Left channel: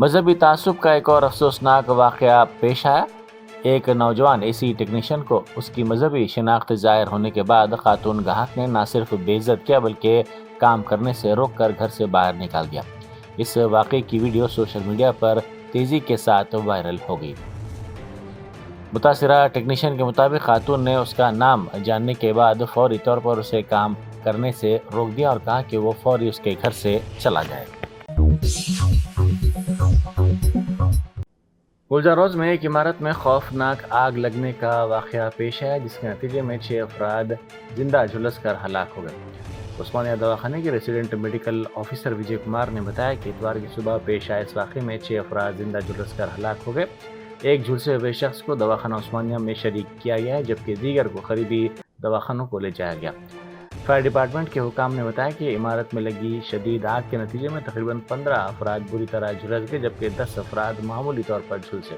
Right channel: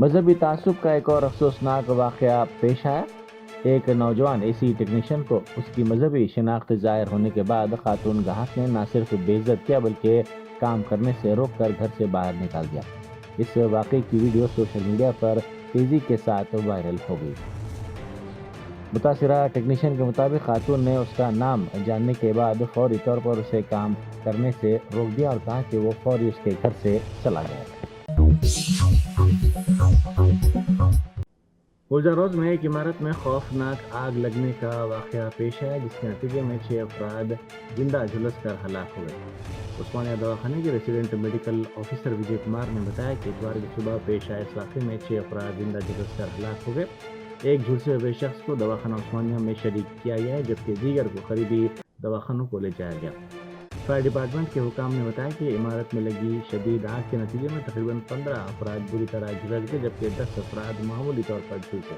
मजहबी तासुब का एक और अफसोसनाक वाकया पेश आया। एक नौजवान एसी टेक्नीशियन को उसकी मजहबी शिनाख्त जाहिर होने के बाद खातून गाहक ने न सिर्फ बेइज्जत किया बल्कि काम करने से रोक कर घर से बाहर निकाल दिया। इस वाकये की वीडियो सोशल मीडिया पर तेजी के साथ वायरल हो गई। मुतासिरा टेक्नीशियन के मुताबिक खातून ने उसका नाम जानने के बाद फौरी तौर पर उसे काम करने से रोक दिया और कहा कि वो फौरी उसके घर से चला जाए। गुलजारोज में एक इमारत में खौफनाक आग लगने का वाकया पेश आया, जिसके नतीजे में 6 अफराद जिंदा झुलस कर हलाक हो गए। उस्मानिया दवाखाने के resident medical officer Vijay Kumar ने बताया कि इतवार की सुबह पेश आए इस वाक़े में 6 अफराद जिंदा झुलस कर हलाक हो गए। एक झुलसे हुए शख्स को दवाखाना उस्मानिया में शरीक किया गया है, जबकि दीगर को करीबी दवाखानों को ले जाया गया। फायर डिपार्टमेंट के हुकाम ने बताया कि इमारत में लगी शदीद आग के नतीजे में तकरीबन 15 अफराद बुरी तरह झुलस गए, जबकि 10 अफराद मामूली तौर पर झुलसे।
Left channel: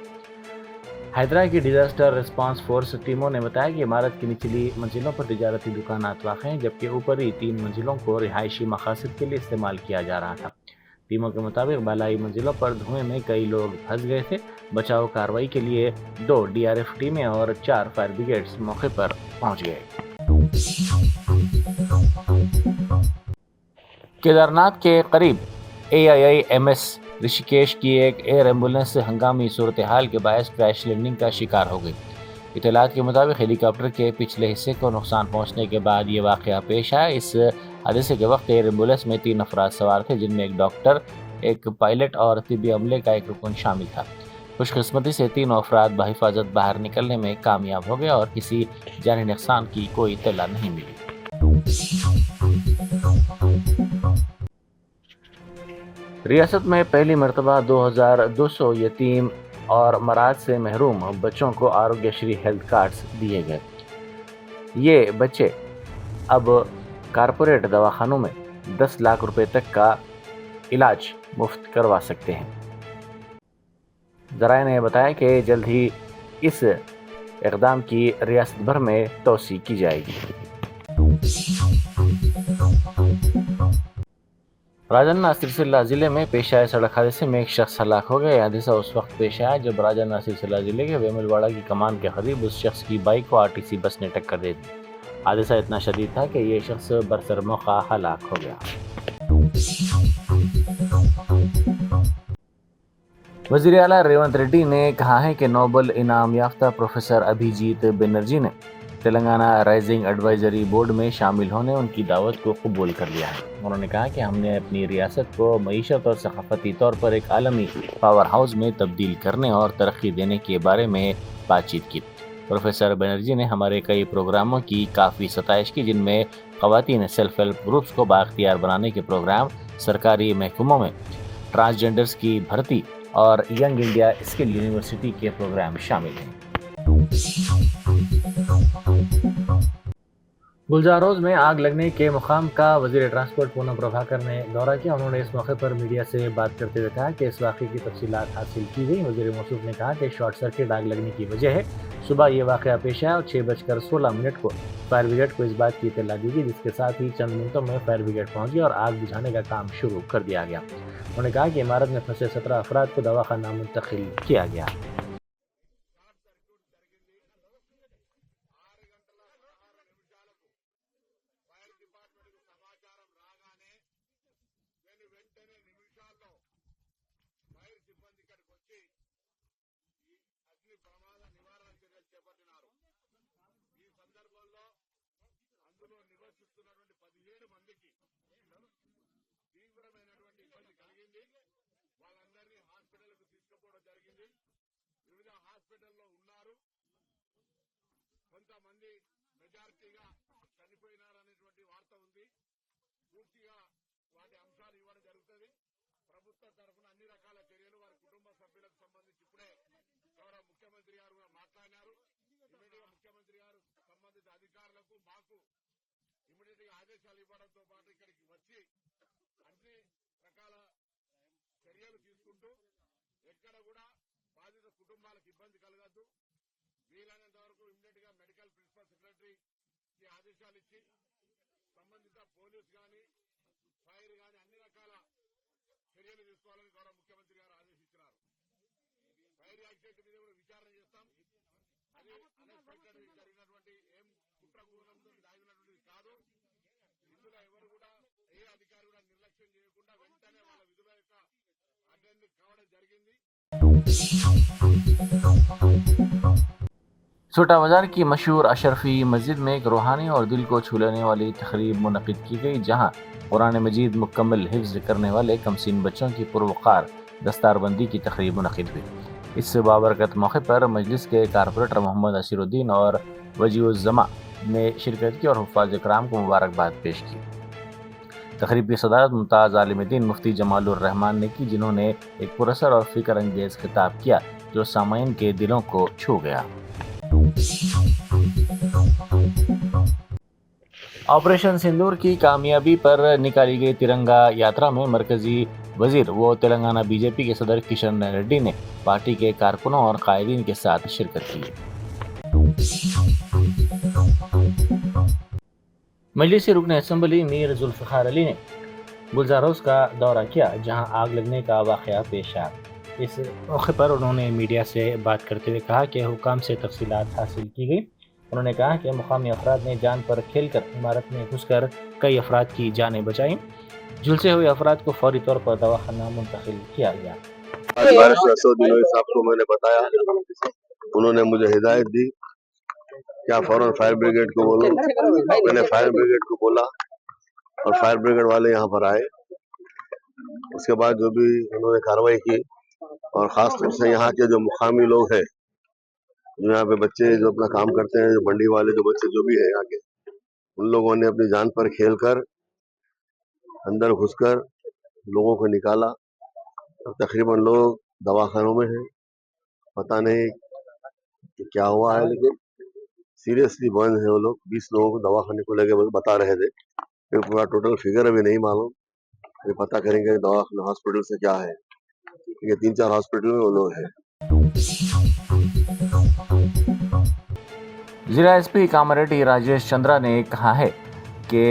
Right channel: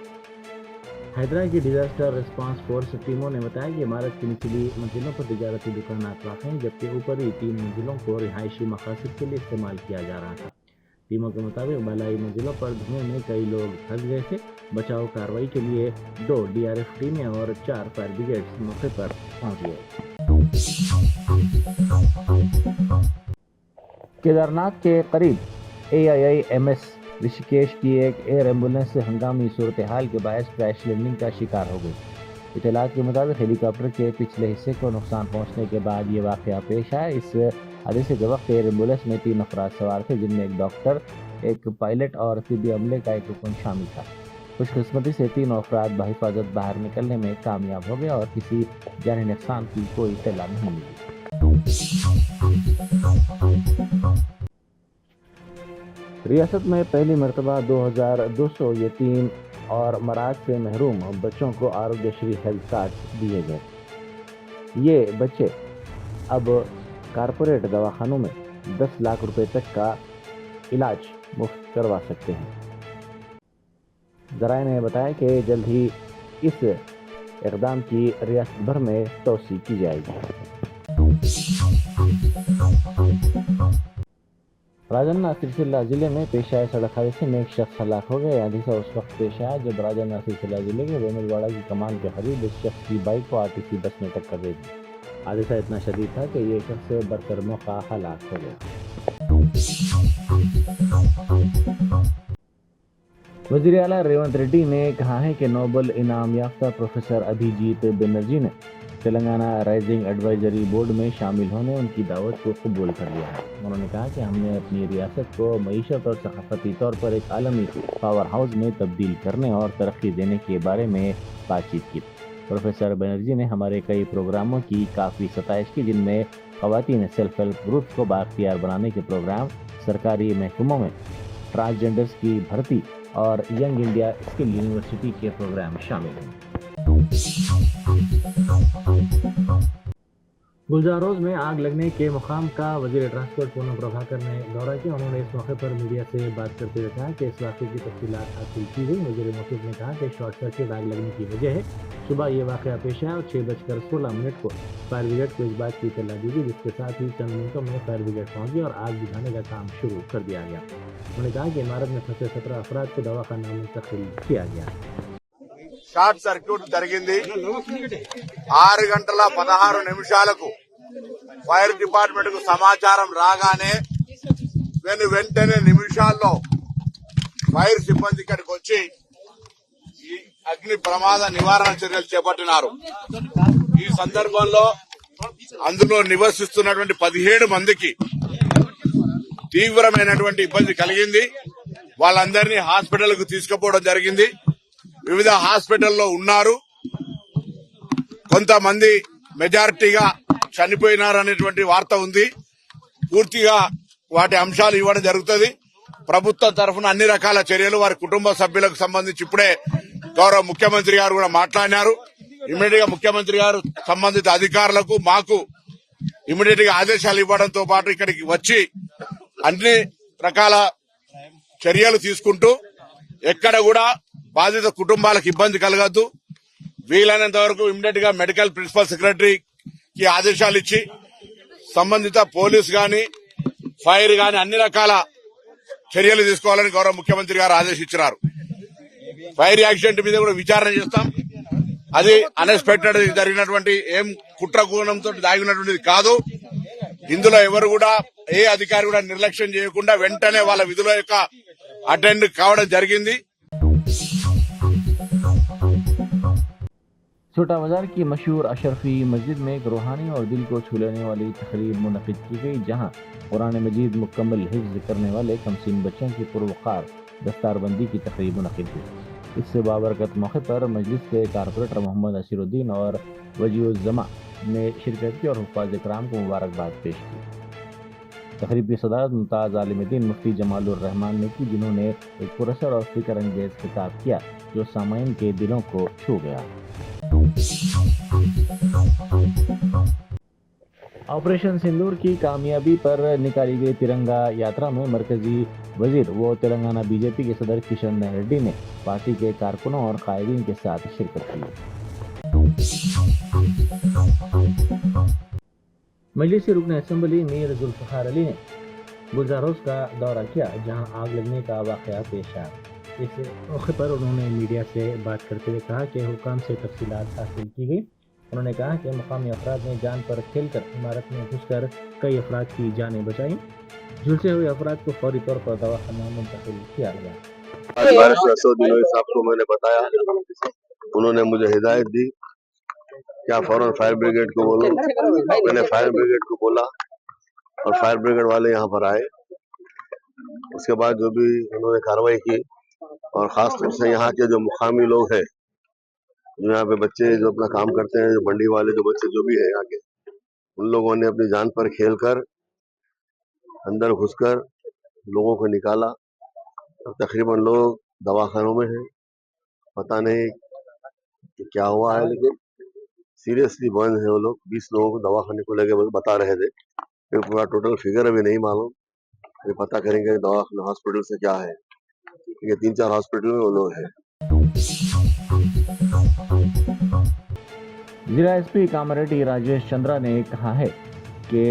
हैदरा की डिजास्टर रिस्पांस फोर्स टीमों ने बताया कि इमारत की निचली मंजिलों पर तिजारती दुकानात वाक़ हैं, जबकि ऊपरी 3 मंजिलों को रिहायशी मकासद के लिए इस्तेमाल किया जा रहा था। टीमों के मुताबिक बालाई मंजिलों पर धुएं में कई लोग फंस गए थे। बचाव कार्रवाई के लिए 2 DRF टीमें और 4 फायर ब्रिगेड्स मौके पर पहुंच गए। केदारनाथ के करीब AIIMS ऋषिकेश की एक एयर एम्बुलेंस हंगामी सूरत हाल के बायस क्रैश लैंडिंग का शिकार हो गई। इत्तलात के मुताबिक हेलीकॉप्टर के पिछले हिस्से को नुकसान पहुंचने के बाद ये वाकया पेश आया। इस हादसे के वक्त एयर एम्बुलेंस में 3 अफराद सवार थे, जिनमें एक डॉक्टर, एक पायलट और तिब्बी अमले का एक रुकन शामिल था। खुशकिस्मती से 3 अफराद बहिफाजत बाहर निकलने में कामयाब हो गए और किसी जानी नुकसान की कोई इत्तला नहीं मिली। रियासत में पहली मरतबा 2200 यतीम और मराज से महरूम बच्चों को आरोग्यश्री हेल्थ कार्ड्स दिए गए। ये बच्चे अब कारपोरेट दवाखानों में 10 लाख रुपए तक का इलाज मुफ्त करवा सकते हैं। ज़राए ने बताया कि जल्द ही इस इक़दाम की रियासत भर में तोसी की जाएगी। राजन्ना सिलसिला जिले में पेश आए सड़क हादसे में एक शख्स हलाक हो गया। हादसा उस वक्त पेश आया जब राजन्ना सिलसिला जिले के वेमुलवाड़ा की कमान के करीब उस शख्स की बाइक को RTC बस ने टक्कर दे दी। हादसा इतना शदीद था कि ये शख्स बरसर मौका हलाक हो गया। वज़ीर आला रेवंत रेड्डी ने कहा है कि नोबल इनाम याफ्ता प्रोफेसर अभिजीत बनर्जी ने तेलंगाना राइजिंग एडवाइजरी बोर्ड में शामिल होने उनकी दावत को कबूल कर लिया है। उन्होंने कहा कि हमने अपनी रियासत को मईशत और सकाफती तौर पर एक आलमी पावर हाउस में तब्दील करने और तरक्की देने के बारे में बातचीत की। प्रोफेसर बनर्जी ने हमारे कई प्रोग्रामों की काफ़ी सताइश की, जिनमें ख़वातीन सेल्फ हेल्प ग्रुप्स को बाख्तियार बनाने के प्रोग्राम, सरकारी महकमों में ट्रांसजेंडर्स की भर्ती और यंग इंडिया स्किल यूनिवर्सिटी के प्रोग्राम शामिल हैं। गुलजारोज में आग लगने के मुकाम का वज़ीर ट्रांसपोर्ट पूनम प्रभाकर ने दौरा किया। उन्होंने इस मौके पर मीडिया से बात करते हुए कहा कि इस वाक़े की तफसीलात हासिल की गई। वज़ीर मौसूफ ने कहा कि शॉर्ट सर्किट आग लगने की वजह है। सुबह ये वाक़या पेश आया और 6:16 को फायर ब्रिगेड को इस बात की इत्तला दी गई, जिसके साथ ही चंद मिनटों में फायर ब्रिगेड पहुंच गई और आग बुझाने का काम शुरू कर दिया गया। उन्होंने कहा कि इमारत में फंसे 17 अफराद को दवाखाना मुंतकिल किया गया। షార్ట్ సర్క్యూట్ జరిగింది 6:16 ఫైర్ డిపార్ట్మెంట్ కు సమాచారం రాగానే వెంటనే నిమిషాల్లో ఫైర్ సిబ్బంది ఇక్కడికి వచ్చి ఈ అగ్ని ప్రమాద నివారణ చర్యలు చేపట్టినారు. ఈ సందర్భంలో అందులో నివసిస్తున్నటువంటి 17 మందికి తీవ్రమైనటువంటి ఇబ్బంది కలిగింది. వాళ్ళందరినీ హాస్పిటల్ కు తీసుకుపోవడం జరిగింది. వివిధ హాస్పిటల్లో ఉన్నారు. కొంతమంది మెజారిటీగా చనిపోయినారనేటువంటి వార్త ఉంది. పూర్తిగా వాటి అంశాలు ఇవ్వడం జరుగుతుంది. ప్రభుత్వం తరఫున అన్ని రకాల చర్యలు వారి కుటుంబ సభ్యులకు సంబంధించి ఇప్పుడే గౌరవ ముఖ్యమంత్రి గారు కూడా మాట్లాడినారు. ఇమీడియట్ గా ముఖ్యమంత్రి గారు సంబంధిత అధికారులకు మాకు ఇమీడియట్ గా ఆదేశాలు ఇవ్వడంతో పాటు ఇక్కడికి వచ్చి అన్ని రకాల చర్యలు తీసుకుంటూ ఎక్కడ కూడా బాధిత కుటుంబాలకు ఇబ్బంది కలగద్దు, వీలైనంత వరకు ఇమీడియట్ గా మెడికల్ ప్రిన్సిపల్ సెక్రటరీకి ఆదేశాలు ఇచ్చి సంబంధిత పోలీస్ గాని ఫైర్ గాని అన్ని రకాల చర్యలు తీసుకోవాలని గౌరవ ముఖ్యమంత్రి గారు ఆదేశించారు. ఫైర్ యాక్సిడెంట్ మీద కూడా విచారణ చేస్తాం. అది అన్ఎక్స్పెక్టెడ్ జరిగినటువంటి ఏం కుట్రకోణంతో దాగినటువంటిది కాదు. ఇందులో ఎవరు కూడా ఏ అధికారి కూడా నిర్లక్ష్యం చేయకుండా వెంటనే వాళ్ళ విధుల యొక్క అటెండ్ కావడం జరిగింది. छोटा बाजार की मशहूर अशरफी मस्जिद में एक रूहानी और दिल को छू लेने वाली तकरीब मुनक़िद की गई, जहां कुरान मजीद मुकम्मल हिफ्ज़ करने वाले कमसीन बच्चों की पुरवक़ार दस्तारबंदी की तकरीब मुनक़िद हुई। इस बाबरकत मौके पर मजलिस के कारपोरेटर मोहम्मद असीरुद्दीन और वजीउज़्ज़मा ने शिरकत की और हुफ़ाज़ इकराम को मुबारकबाद पेश की। तकरीब की सदारत मुमताज़ आलिमुद्दीन मुफ्ती जमालुर रहमान ने की, जिन्होंने एक पुरअसर और फ़िक्र अंगेज़ खिताब किया जो सामाईन के दिलों को छू गया। ऑपरेशन सिंदूर की कामयाबी पर निकाली गई तिरंगा यात्रा में मरकजी वजीर व तेलंगाना बीजेपी के सदर किशन रेड्डी ने पार्टी के कारकुनों और कायदीन के साथ शिरकत की। मजलिस रुकन असम्बली मीर जुल्फ़िकार अली ने गुलजारोस का दौरा किया, जहां आग लगने का वाक़या पेश आया। इस मौके पर उन्होंने मीडिया से बात करते हुए कहा कि हुकाम से तफसीलात हासिल की गई। उन्होंने कहा कि मुकामी अफराद ने जान पर खेलकर इमारत में घुसकर कई अफराद की जानें बचाई। झुलसे हुए अफराद को फौरी तौर पर दवाखाना मुंतकिल किया गया। बारिश दिनों साहब को मैंने बताया, उन्होंने मुझे हिदायत दी क्या फौरन फायर ब्रिगेड को बोलो। मैंने फायर ब्रिगेड को बोला और फायर ब्रिगेड वाले यहाँ पर आए। उसके बाद जो भी उन्होंने कार्रवाई की और खास तौर से यहाँ के जो मुकामी लोग हैं, जो यहाँ पे बच्चे जो अपना काम करते हैं, जो मंडी वाले जो बच्चे जो भी है यहाँ के, उन लोगों ने अपनी जान पर खेलकर अंदर घुसकर लोगों को निकाला। और तकरीबन लोग दवाखानों में हैं, पता नहीं कि क्या हुआ है, लेकिन सीरियसली बर्न है वो लोग। 20 लोगों को दवाखाने को लेके बता रहे थे, फिर पूरा टोटल फिगर अभी नहीं मालूम, ये पता करेंगे दवाखाना हॉस्पिटल से क्या है। ये 3-4 हॉस्पिटल में वो लोग हैं। जिला एसपी कामारेड्डी राजेश चंद्रा ने कहा है कि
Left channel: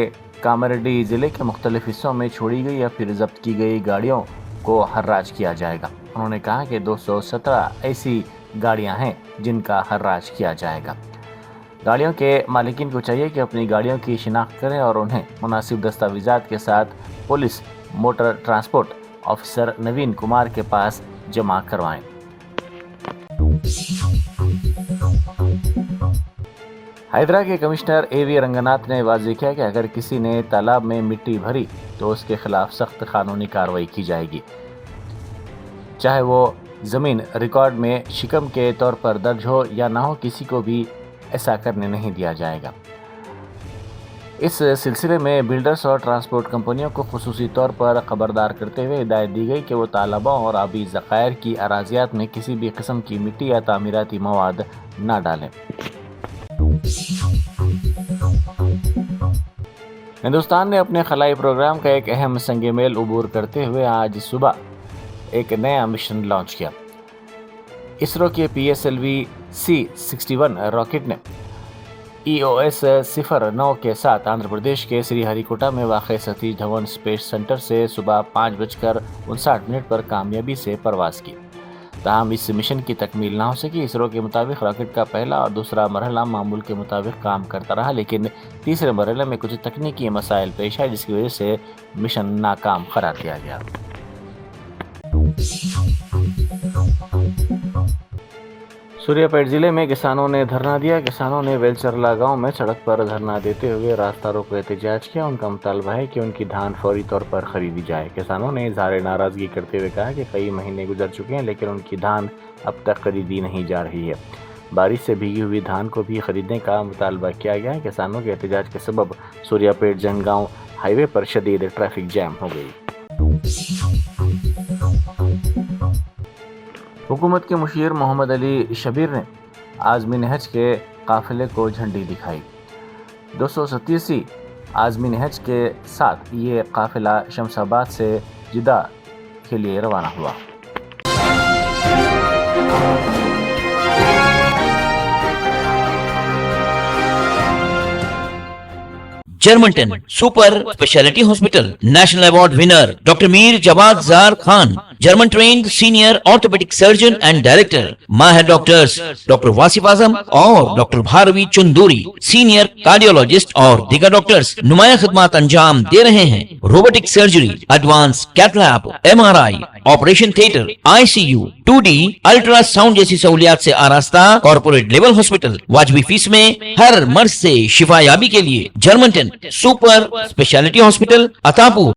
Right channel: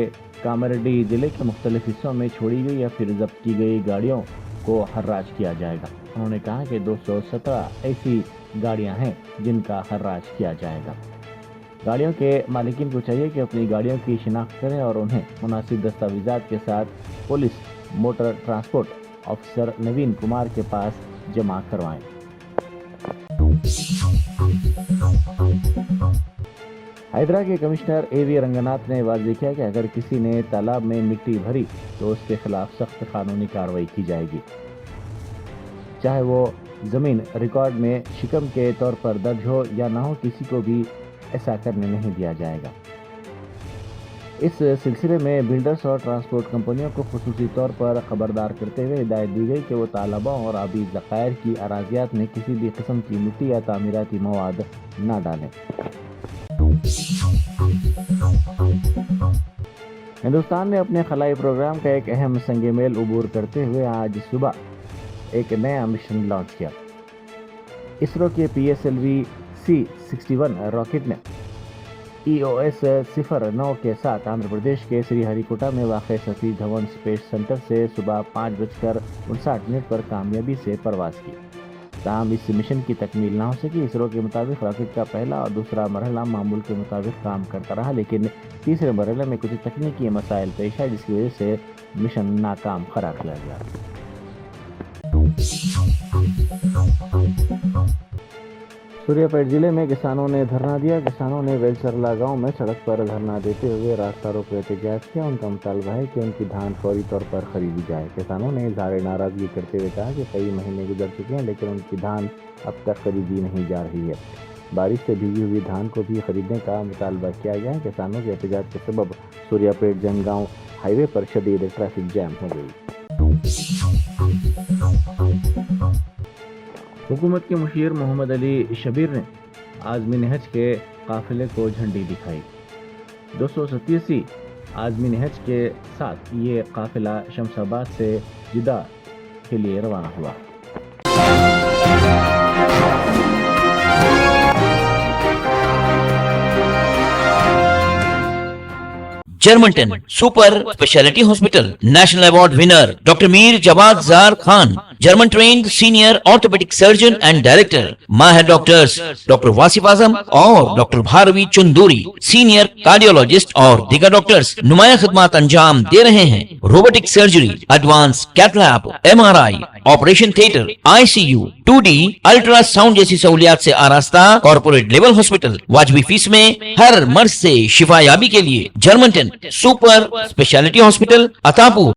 कामारेड्डी जिले के मुख्तलिफ हिस्सों में छोड़ी गई या फिर जब्त की गई गाड़ियों को हर्राज किया जाएगा। उन्होंने कहा कि 217 ऐसी गाड़ियां हैं जिनका हर्राज किया जाएगा। गाड़ियों के मालिकीन को चाहिए कि अपनी गाड़ियों की शिनाख्त करें और उन्हें मुनासिब दस्तावेजात के साथ पुलिस मोटर ट्रांसपोर्ट ऑफिसर नवीन कुमार के पास जमा करवाएं। हैदरा के कमिश्नर एवी रंगनाथ ने वाज़ेह किया कि अगर किसी ने तालाब में मिट्टी भरी तो उसके खिलाफ सख्त कानूनी कार्रवाई की जाएगी, चाहे वो ज़मीन रिकॉर्ड में शिकम के तौर पर दर्ज हो या ना हो, किसी को भी ऐसा करने नहीं दिया जाएगा। इस सिलसिले में बिल्डर्स और ट्रांसपोर्ट कंपनियों को खुसूसी तौर पर खबरदार करते हुए हिदायत दी गई कि वो तालाबों और आबी ज़खायर की अराजियात में किसी भी किस्म की मिट्टी या तामीराती मवाद ना डालें। हिंदुस्तान ने अपने खलाई प्रोग्राम का एक अहम संगे मेल उबूर करते हुए आज सुबह एक नया मिशन लॉन्च किया। इसरो के PSLV C61 रॉकेट ने EOS 09 के साथ आंध्र प्रदेश के श्रीहरिकोटा में वाक़ सतीश धवन स्पेस सेंटर से सुबह 5:59 पर कामयाबी से परवाज़ की। ताहम इस मिशन की तकमील ना हो सकी। इसरो के मुताबिक रॉकेट का पहला और दूसरा मरहला मामूल के मुताबिक काम करता रहा, लेकिन तीसरे मरहले में कुछ तकनीकी मसाइल पेश आए, जिसकी वजह से मिशन नाकाम करार दिया गया। सूर्यापेट जिले में किसानों ने धरना दिया। किसानों ने वेलचरला गांव में सड़क पर धरना देते हुए रास्ता रोको एहतजाज किया। उनका मुतालबा है कि उनकी धान फौरी तौर पर खरीदी जाए। किसानों ने इजहार नाराजगी करते हुए कहा कि कई महीने गुजर चुके हैं, लेकिन उनकी धान अब तक खरीदी नहीं जा रही है। बारिश से भीगी हुई धान को भी खरीदने का मुतालबा किया गया है। किसानों के एहतजाज के सबब सूर्यापेट जनगांव हाईवे पर शदीद ट्रैफिक जैम हो गई। हुकूमत के मुशीर मोहम्मद अली शबीर ने आज़मीन हज के काफिले को झंडी दिखाई। 237 आज़मीन हज के साथ ये काफिला शमशाबाद से जिदा के लिए रवाना हुआ। German 10 super speciality hospital, national award winner doctor Mir Jawad Zar Khan, German trained senior orthopaedic surgeon and director, माहिर डॉक्टर्स डॉक्टर वासिफ आजम और doctor Bharavi Chunduri, senior cardiologist और दीगर डॉक्टर्स नुमाया खिदमत अंजाम दे रहे हैं। Robotic surgery, advance cath lab, MRI, operation theatre, ICU, 2D ultrasound जैसी सहूलियात से आरास्ता कॉर्पोरेट लेवल हॉस्पिटल, वाजबी फीस में हर मर्ज से शिफायाबी के लिए German 10 super speciality hospital, Attapur.